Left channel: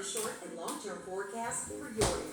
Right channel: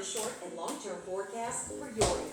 the short and long-term forecast for your area.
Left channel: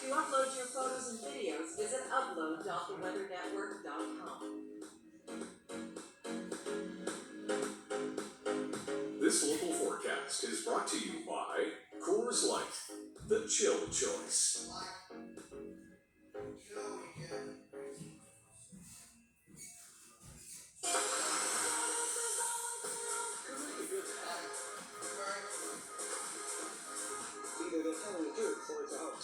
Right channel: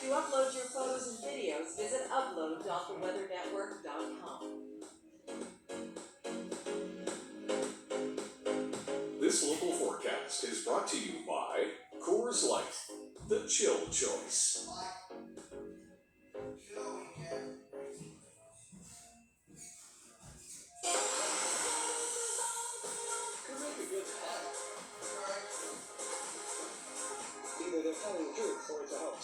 To upload your photos and videos, visit upload.theweathernetwork.com. This local forecast is brought to you by Coors Light, the chill choice. Could make a good spot. Either they're telling the truth or it's a hoax.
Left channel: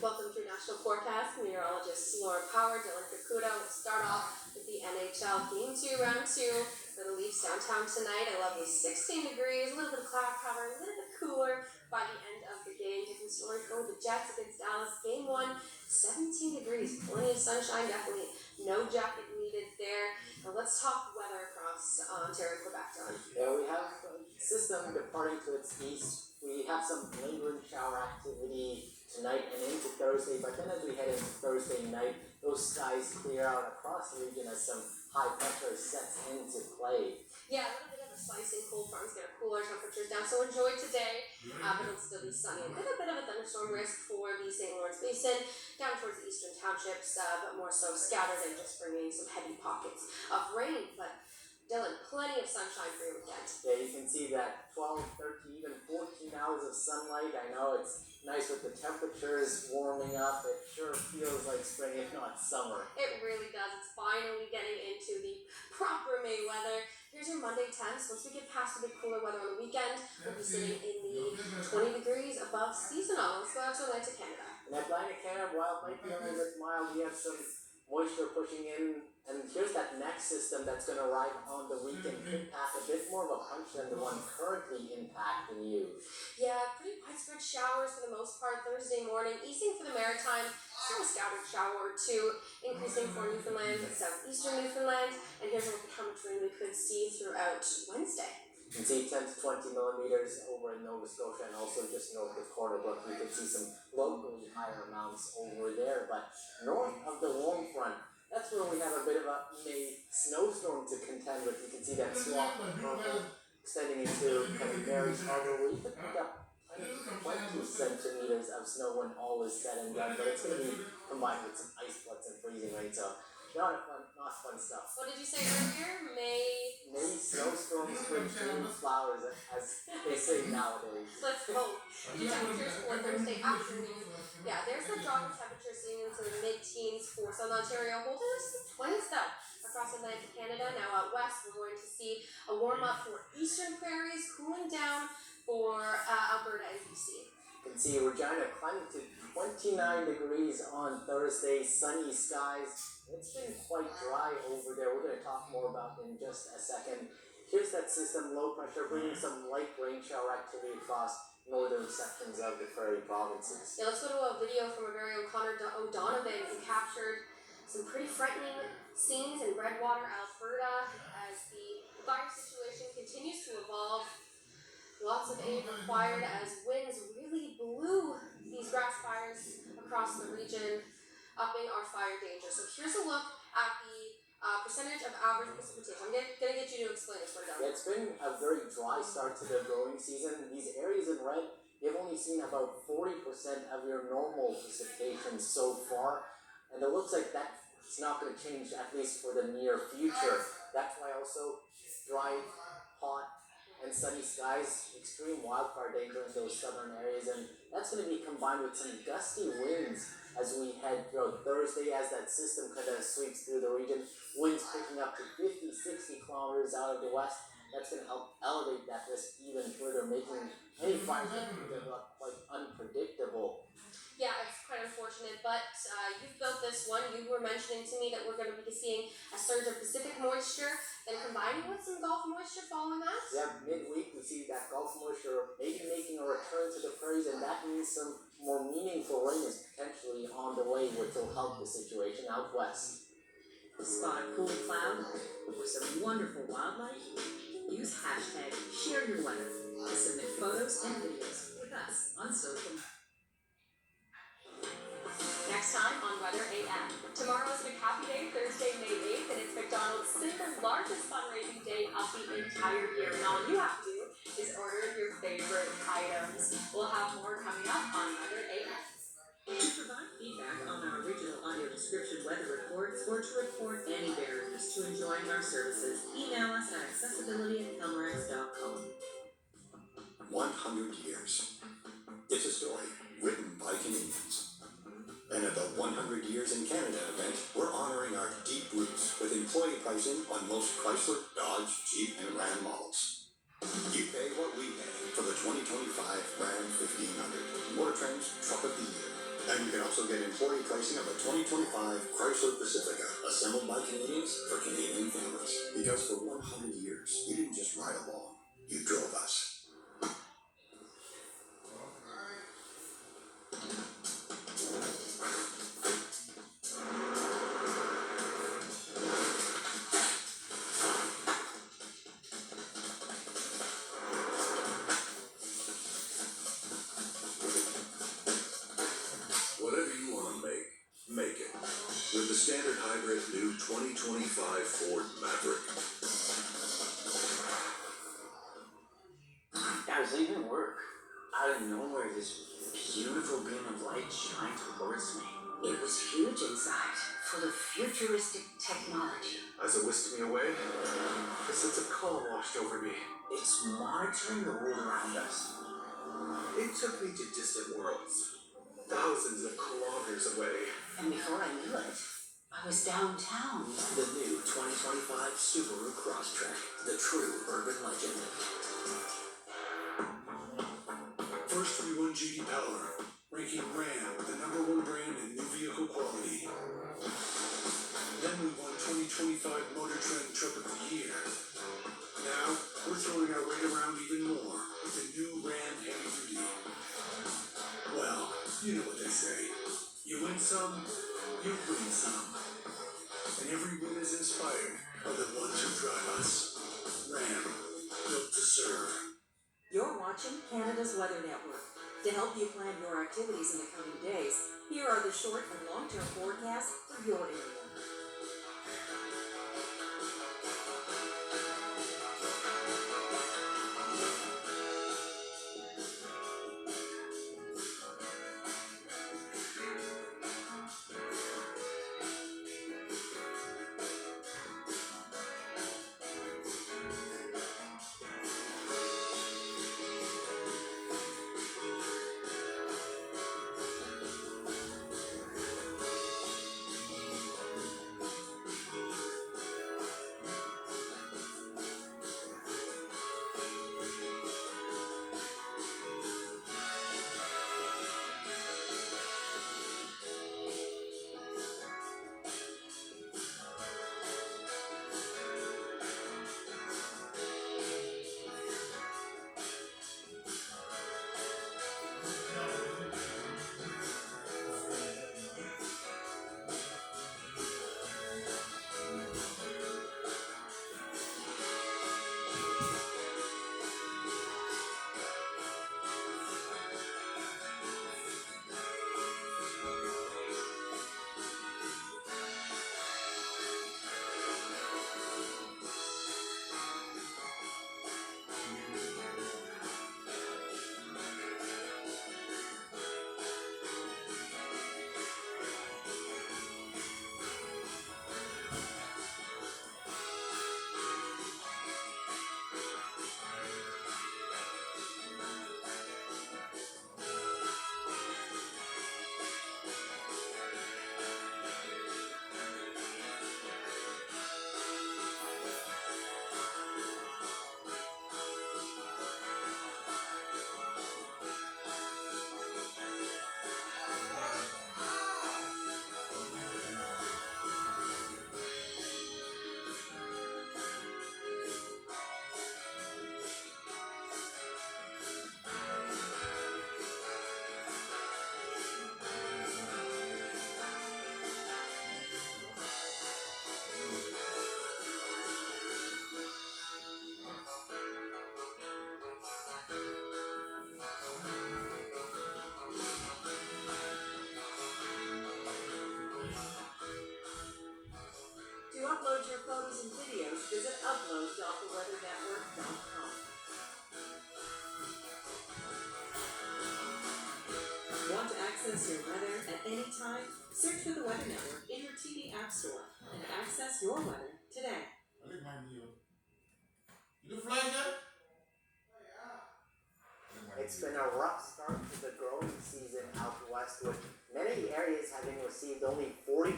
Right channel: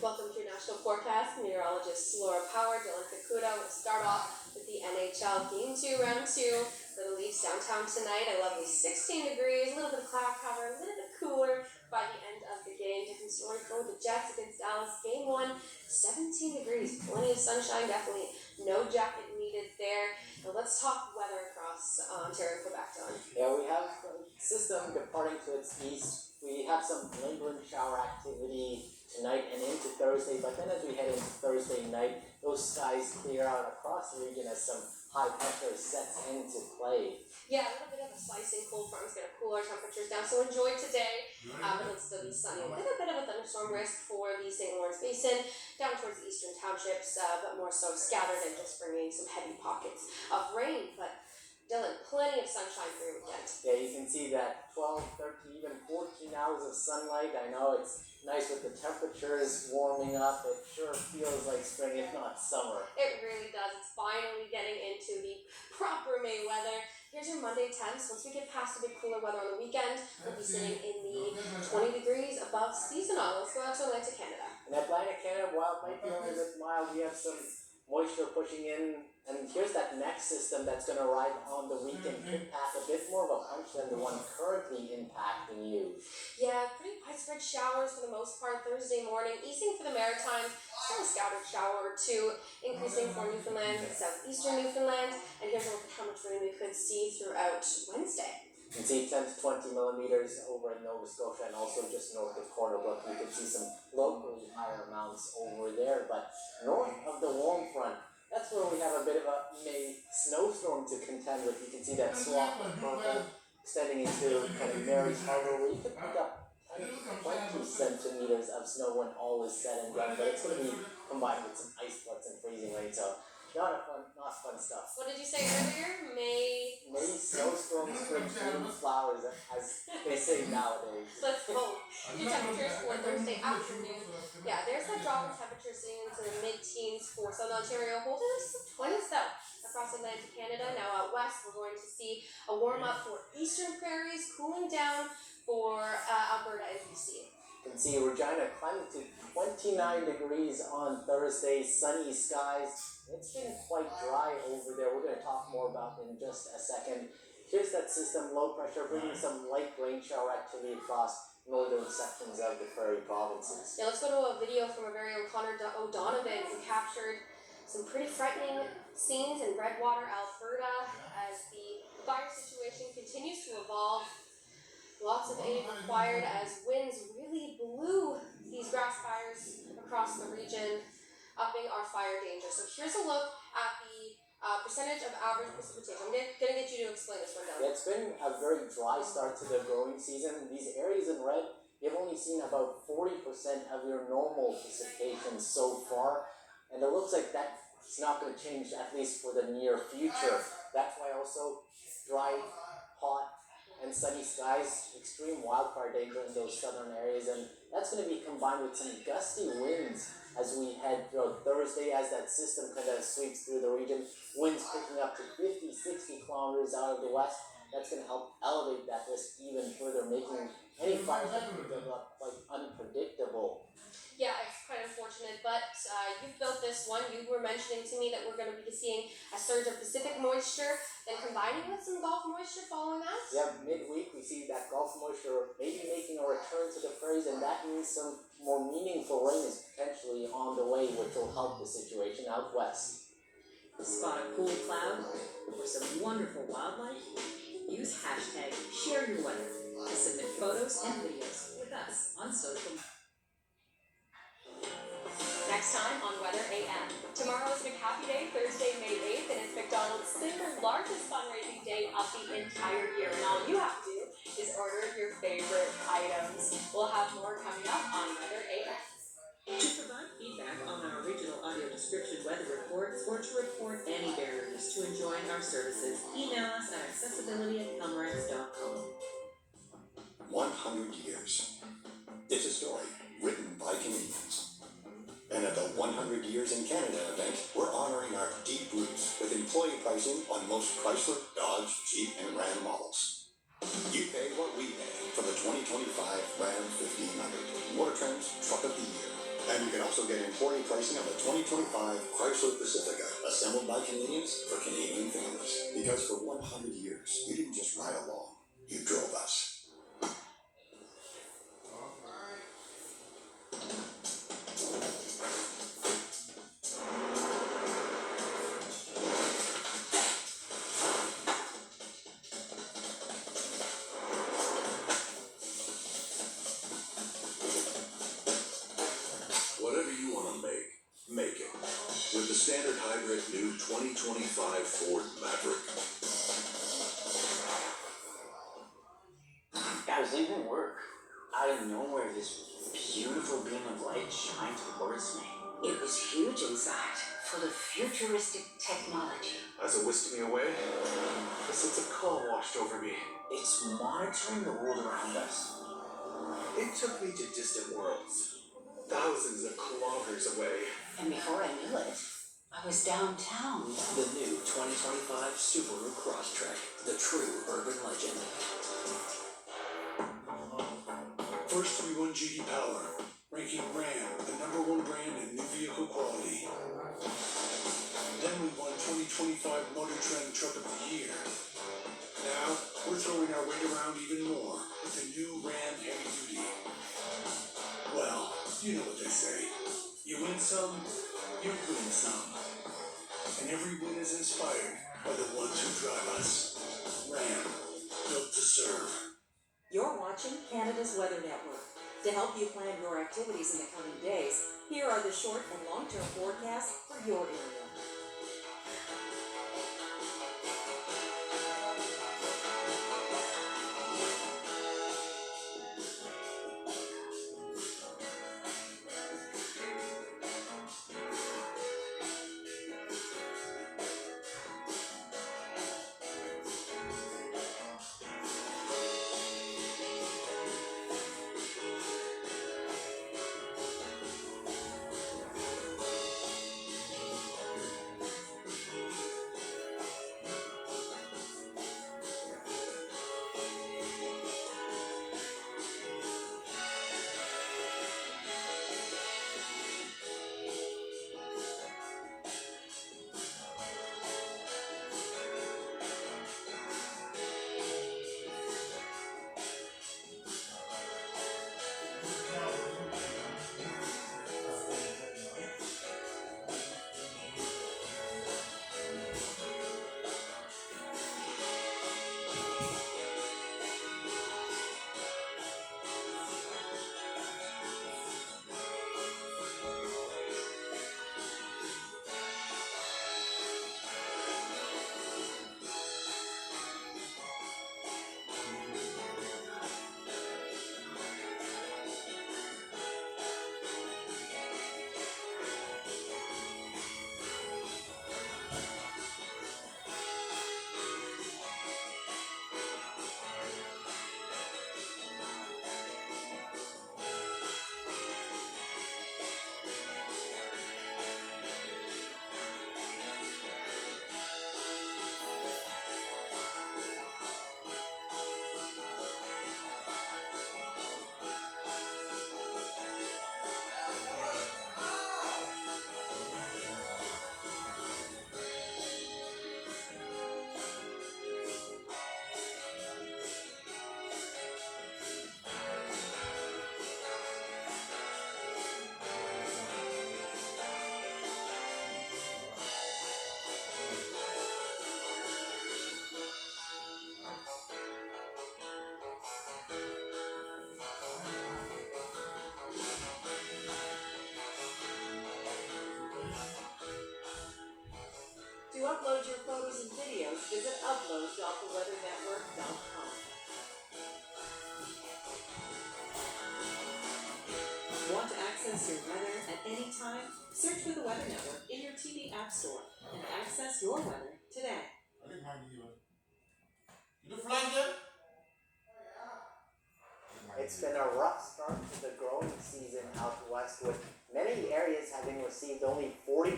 Welcome to your national forecast. Meteorologist Laura Power, Dylan Kakuda. We'll start off with the NHL Game 2, Round 2 for the Leafs downtown tonight. A lovely 16 degrees, a little bit of cloud cover, a little bit cooler by the end of the game. Different story for the Jets against Dallas. Game 1, 17 degrees, plenty of sunshine, definitely no jacket needed there. Now let's talk weather across Ontario and Quebec, Dylan. Yeah, we have a system departing to its east. We have some lingering shower activity tonight and into Thursday, but then as we head into Thursday night, those skies clear out across the region as some high pressure sets into play. Yeah, a little bit of a slicing cold front is going to cool our temperatures down, so enjoy today, but it'll still be sunny. A little bit of a thunderstorm risk for the St. Lawrence Basin, down towards the eastern townships, but more so scattered and just bringing some heavy pockets of rain. But Dylan, plenty of sunshine for your weekend. Yeah, you can see that 12, 13, even 14 hours of sunlight. I know it's nice with the temperatures warming up. It sure feels like spring, if not summer. It really does. It's finally getting into the proper May weather. Here's your Monday temps. Once we get past the bit cooler weather on the weekend, we'll be sitting in the 20 degrees above seasonal. Let's go out to Atlantic Canada. In Atlantic Canada, while it might be only with mild, we have some moisture pushing in. And here's that next system that's going to arrive on the weekend. Could pack a bit more of a punch than the one currently impacting you. Yeah, pretty widespread showers for the most part Thursday morning. Easing for the Maritimes, still a scattered shower or two. Increasing for Newfoundland and southeastern Newfoundland. And here's a look at how much rain we could see throughout Wednesday. You can see 10 to 20 millimeters over in Nova Scotia and also just north of Corner Brook. You can see some locally higher amounts over there. But north of the warm front, that's where we have a bit of a May snowstorm to contend with. You can see that swamp of purple extending into kind of Mary's Harbor, where you could pick up 20 centimeters of snow when all is said and done. But it's going to be combined with some ice floods and freezing rain, so not fun stuff. What did you say earlier? May snowstorms with June flowers, as they say nowadays. Let's hope. Your temperatures for Thursday afternoon. Yeah, there's a drop in temperature sitting into the mid-teens for Southern Ontario, holding us to 20s though across Atlantic Canada. Now out west, we're going to see a warm up for eastern prairies, cooling down for Alberta and BC. You can see Regina climbing to 29 degrees on Thursday, sunny skies. It's been quite dry over there. We're going to talk more about it in just a second. Here's that system, low pressure, bringing some light rain shower activity across northern sections of the prairie provinces. Yeah, let's go to a video from our very own Connor O'Donovan, who captured some pretty frightening scenes in Redwater, Alberta, as the fire situation continues to evolve. Lots of aid required as winds really blew these grass fires across the region, upping our fire danger. So here's a look at the percentage of average precipitation. I'm gonna get you to explain this one, Doug. Yeah, it's been a very dry start to the growing season. These areas in red, you've only seen about 40% of your normal precipitation so far, and it looks like that's not going to change, at least for the near future. That's why also dry, hot, and sunny skies, extreme wildfire danger in those southern areas, and that's going to be combined with some gusty winds as we head throughout Thursday, as that system kind of sweeps through the region. Winds picking up to 50, 60 kilometers out of the west. That's going to help elevate that risk even further, making any fires that can develop quite unpredictable. Yeah, it's quite unfortunate, but you've built this one. You were mentioning to me that we're going to be seeing a surge of Pacific moisture, then combining with some Gulf moisture following that. Yeah, midweek we see that Gulf moisture maybe making a return to the prairies, and that means some more meaningful rain is potentially on the way, which will help the situation out west. Spot a cool cloud or some wonderful wildlife? Use hashtag #ShareYourWeather to submit photos and videos with us on social. Next time on Weather AM. Tomorrow is McHappy Day, Thursday, May 8th, and it's McDonald's single largest fundraising day of the entire year. And all you have to do is order your favorite items. We'll have more coming up on Weather AM. To provide feedback on our original audio description weather reports or to report any barriers to enjoying our services, email us at accessibility@pelmerex.com. 100 years. It's a story written by Canadians. And at the 100 Years in Canada event, we're honoring our deep roots with employee pricing on most Chrysler, Dodge, Jeep, and Ram models. You pay what we pay for the 2025 Ram 1500, Motor Trend's Truck of the Year. And you can also get employee pricing on the 2025 Chrysler Pacifica, assembled by Canadians for Canadian families. Because for 100 years, you didn't just ride along, you drove us. Make it with the standard hybrid new 2025 Ford Maverick. I was leaving work. Out of nowhere, this beautiful beam of light shined towards me. It was huge inside, full of futuristic technology. As it whisked me away, a sense of calm washed over me. It's monitoring the world around us. It took me to distant worlds, thousands of kilometers away. And before I knew it, I was downtown. The new 2025 Subaru Crosstrek, the true urban legend. First we won J.D. Power, ranking Ram the #1 brand in new vehicle quality. Then we won 2025 Motor Trend Truck of the Year. Now we're throwing our weight around even more with the new Ram Heavy Duty. Well, you know what they say. You win some, you win some. And every win is inspired by the ones who drive us. Ram, built to serve. watching Canada's Weather Network. To help you plan your activities in the coming days, here are the short and long-term forecasts for your area. To upload your photos and videos, visit upload.theweathernetwork.com. Want to access your weather at any time? Search for the Weather Network in your TV app store and access your weather today. It's been a rough start to the growing season out west, with many areas having received only 40%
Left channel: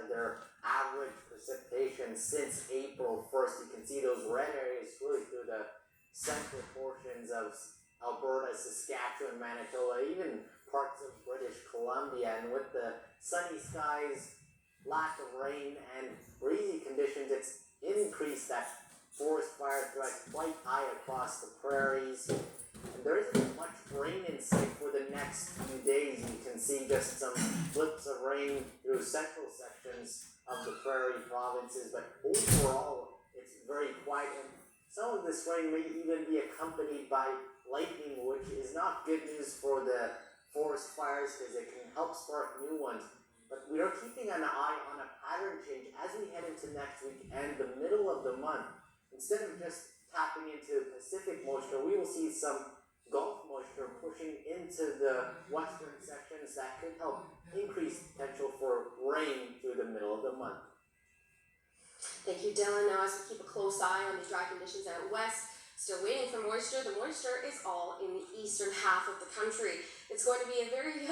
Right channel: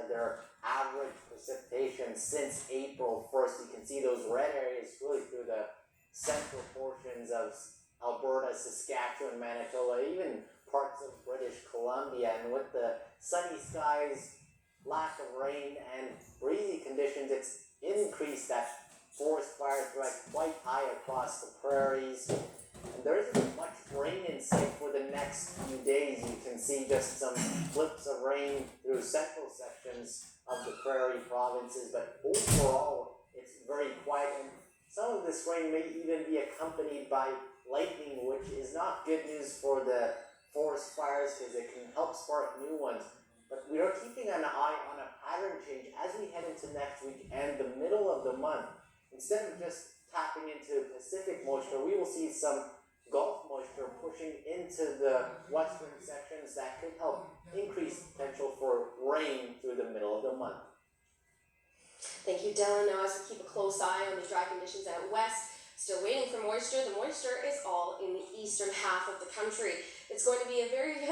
of their average precipitation since April 1st. You can see those red areas really through the central portions of Alberta, Saskatchewan, Manitoba, even parts of British Columbia. And with the sunny skies, lack of rain, and breezy conditions, it's increased that forest fire threat quite high across the prairies. And there isn't much rain in sight for the next few days. You can see just some flips of rain through central sections of the prairie provinces, but overall it's very quiet, and some of this rain may even be accompanied by lightning, which is not good news for the forest fires because it can help spark new ones. But we are keeping an eye on a pattern change as we head into next week and the middle of the month. Instead of just tapping into Pacific moisture, we will see some Gulf moisture pushing into the western sections that could help increase potential for rain through the middle of the month. Thank you, Dylan. Now, as we keep a close eye on the dry conditions out west, still waiting for moisture. The moisture is all in the eastern half of the country. It's going to be a very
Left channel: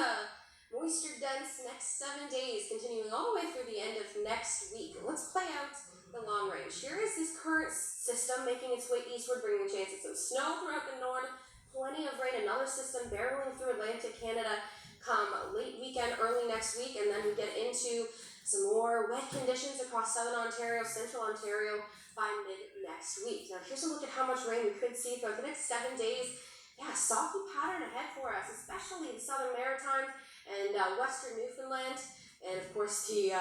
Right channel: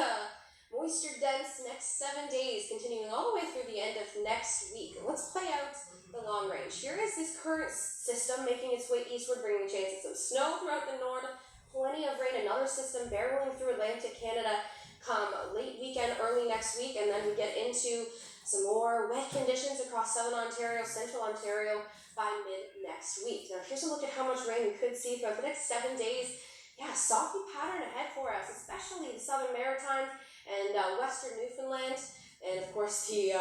moisture-dense next 7 days, continuing all the way through the end of next week. Let's play out the long range. Here is this current system making its way eastward, bringing a chance of some snow throughout the north. Plenty of rain, another system barreling through Atlantic Canada come late weekend, early next week, and then we get into some more wet conditions across southern Ontario, central Ontario by mid next week. Now here's a look at how much rain we could see throughout the next 7 days. Yeah, softy pattern ahead for us, especially the southern Maritimes and western Newfoundland, and of course the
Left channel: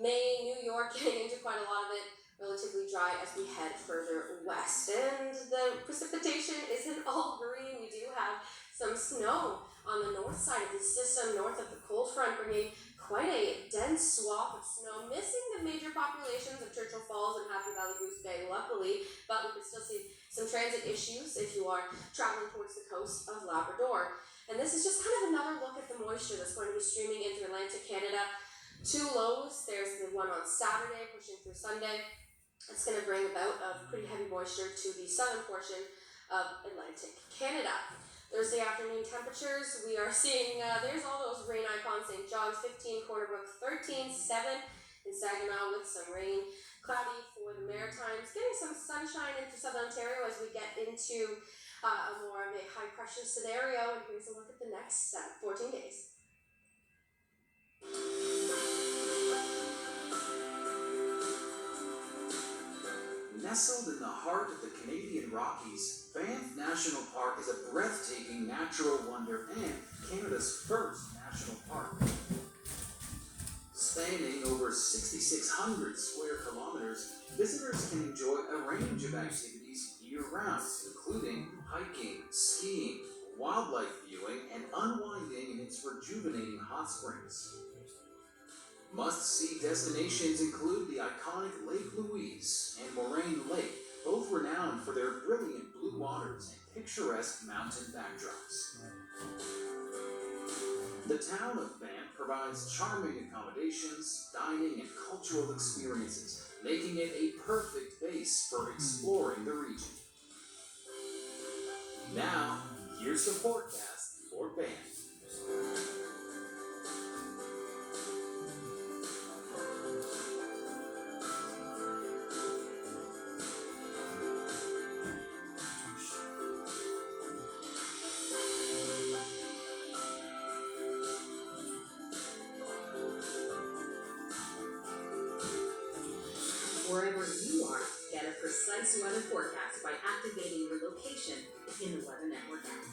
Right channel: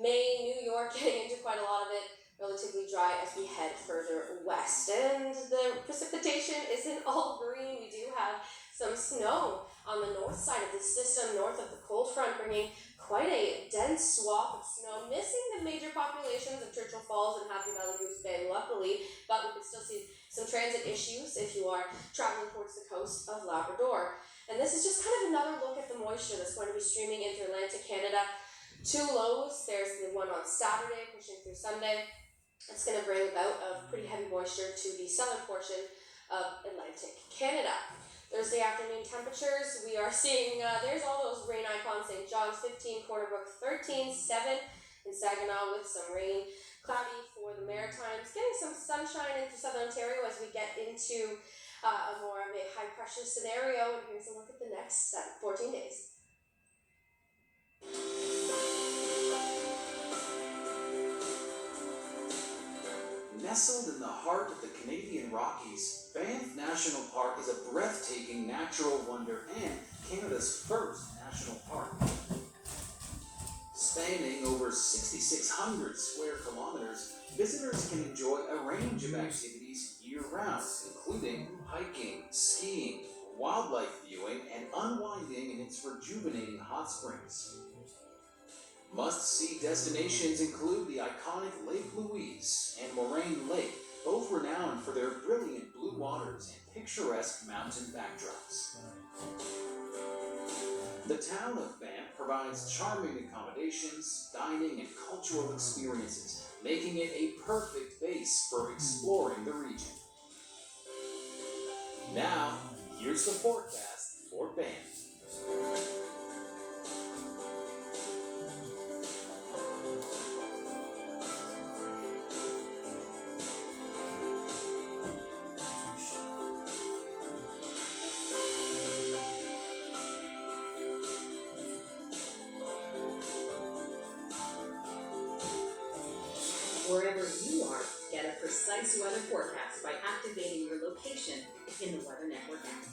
Maine, New York, getting into quite a lot of it, relatively dry as we head further west. west, and the precipitation isn't all green. We do have some snow on the north side of the system, north of the cold front, bringing quite a dense swath of snow, missing the major populations of Churchill Falls and Happy Valley Goose Bay, luckily, but we can still see some transit issues if you are traveling towards the coast of Labrador. And this is just kind of another look at the moisture that's going to be streaming into Atlantic Canada. Two lows. There's the one on Saturday pushing through Sunday. It's going to bring about of pretty heavy moisture to the southern portion of Atlantic Canada. Thursday afternoon temperatures, we are seeing, there's all those rain icons, St. John's 15, Corner Brook 13, 7 in Saginaw with some rain. Cloudy for the Maritimes, getting some sunshine into southern Ontario as we get into a more of a high pressure scenario. And here's a look at the next 14 days. Nestled in the heart of the Canadian Rockies, Banff National Park is a breathtaking natural wonder and Canada's first national park. Spanning over 6,600 square kilometers, visitors can enjoy a range of activities year-round, including hiking, skiing, wildlife viewing, and unwinding in its rejuvenating hot springs. Must-see destinations include the iconic Lake Louise and Moraine Lake, both renowned for their brilliant blue waters and picturesque mountain backdrops. The town of Banff provides charming accommodations, dining, and cultural experiences, making it a perfect base for exploring the region. Now, here's the forecast for Banff. Wherever you are, get a precise weather forecast by activating your location in the Weather Network app.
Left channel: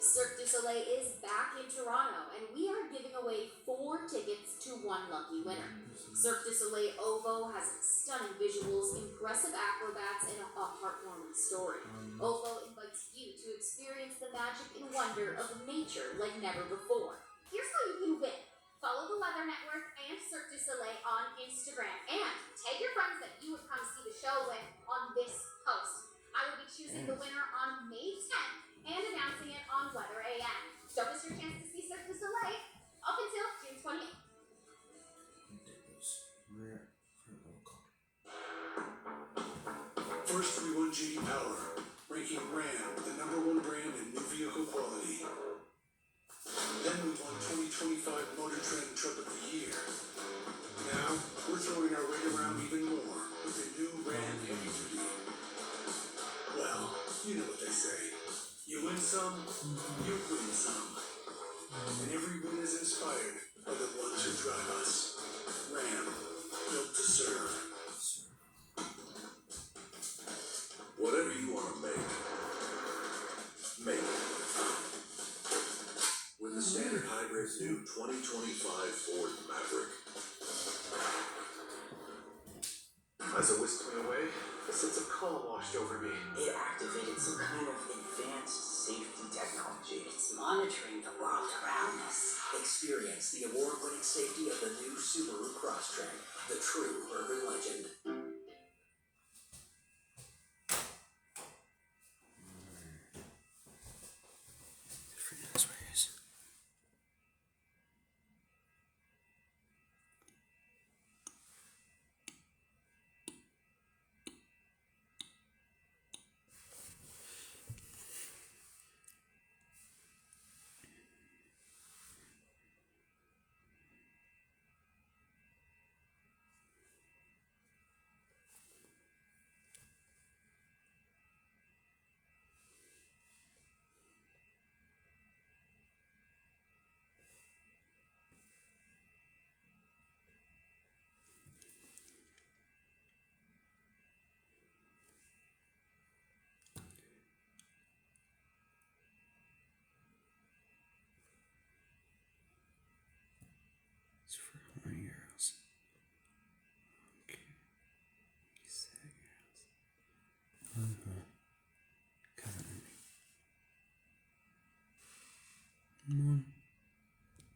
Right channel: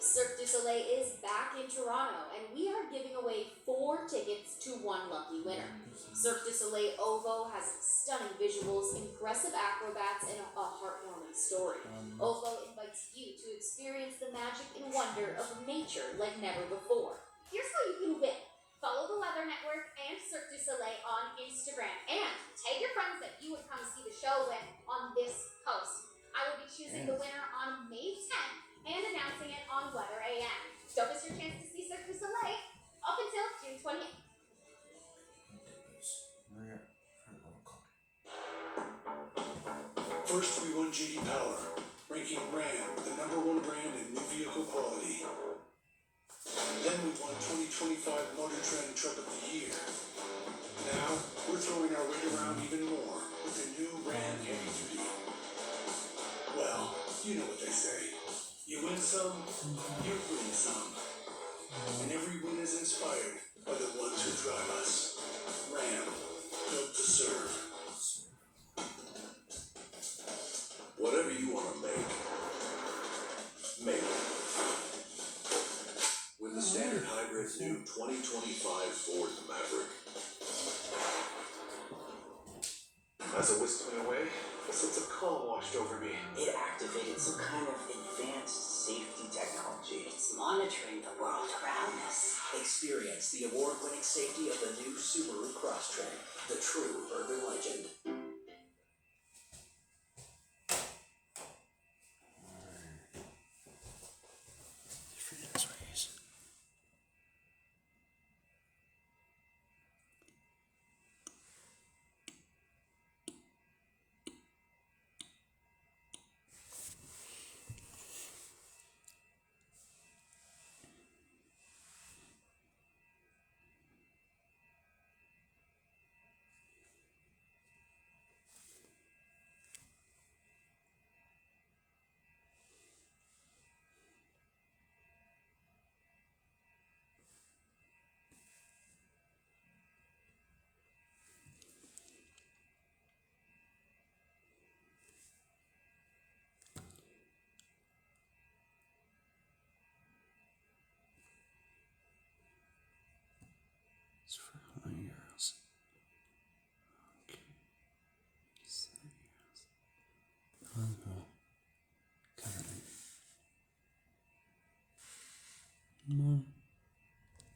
Cirque du Soleil is back in Toronto, and we are giving away 4 tickets to one lucky winner. Cirque du Soleil OVO has stunning visuals, impressive acrobats, and a heartwarming story. OVO invites you to experience the magic and wonder of nature like never before. Here's how you can win. Follow the Weather Network and Cirque du Soleil on Instagram, and tag your friends that you would come see the show with on this post. I will be choosing the winner on May 10th and announcing it on Weather AM. Don't miss your chance to see Cirque du Soleil up until June 28th. First, we won JD Power, ranking Ram the #1 brand in new vehicle quality. Then we won 2025 Motor Trend Truck of the Year. Now, we're throwing our weight around even more with the new Ram Heavy Duty. Well, you know what they say. You win some, you win some. And every win is inspired by the ones who drive us. Ram, built to serve. Whatever you want to make it. With the standard hybrid new 2025 Ford Maverick. As I whisked it away, a sense of calm washed over me. It activated some kind of advanced safety technology. It's monitoring the world around us. Experience the award-winning safety of the new Subaru Crosstrek, the true urban legend. Man.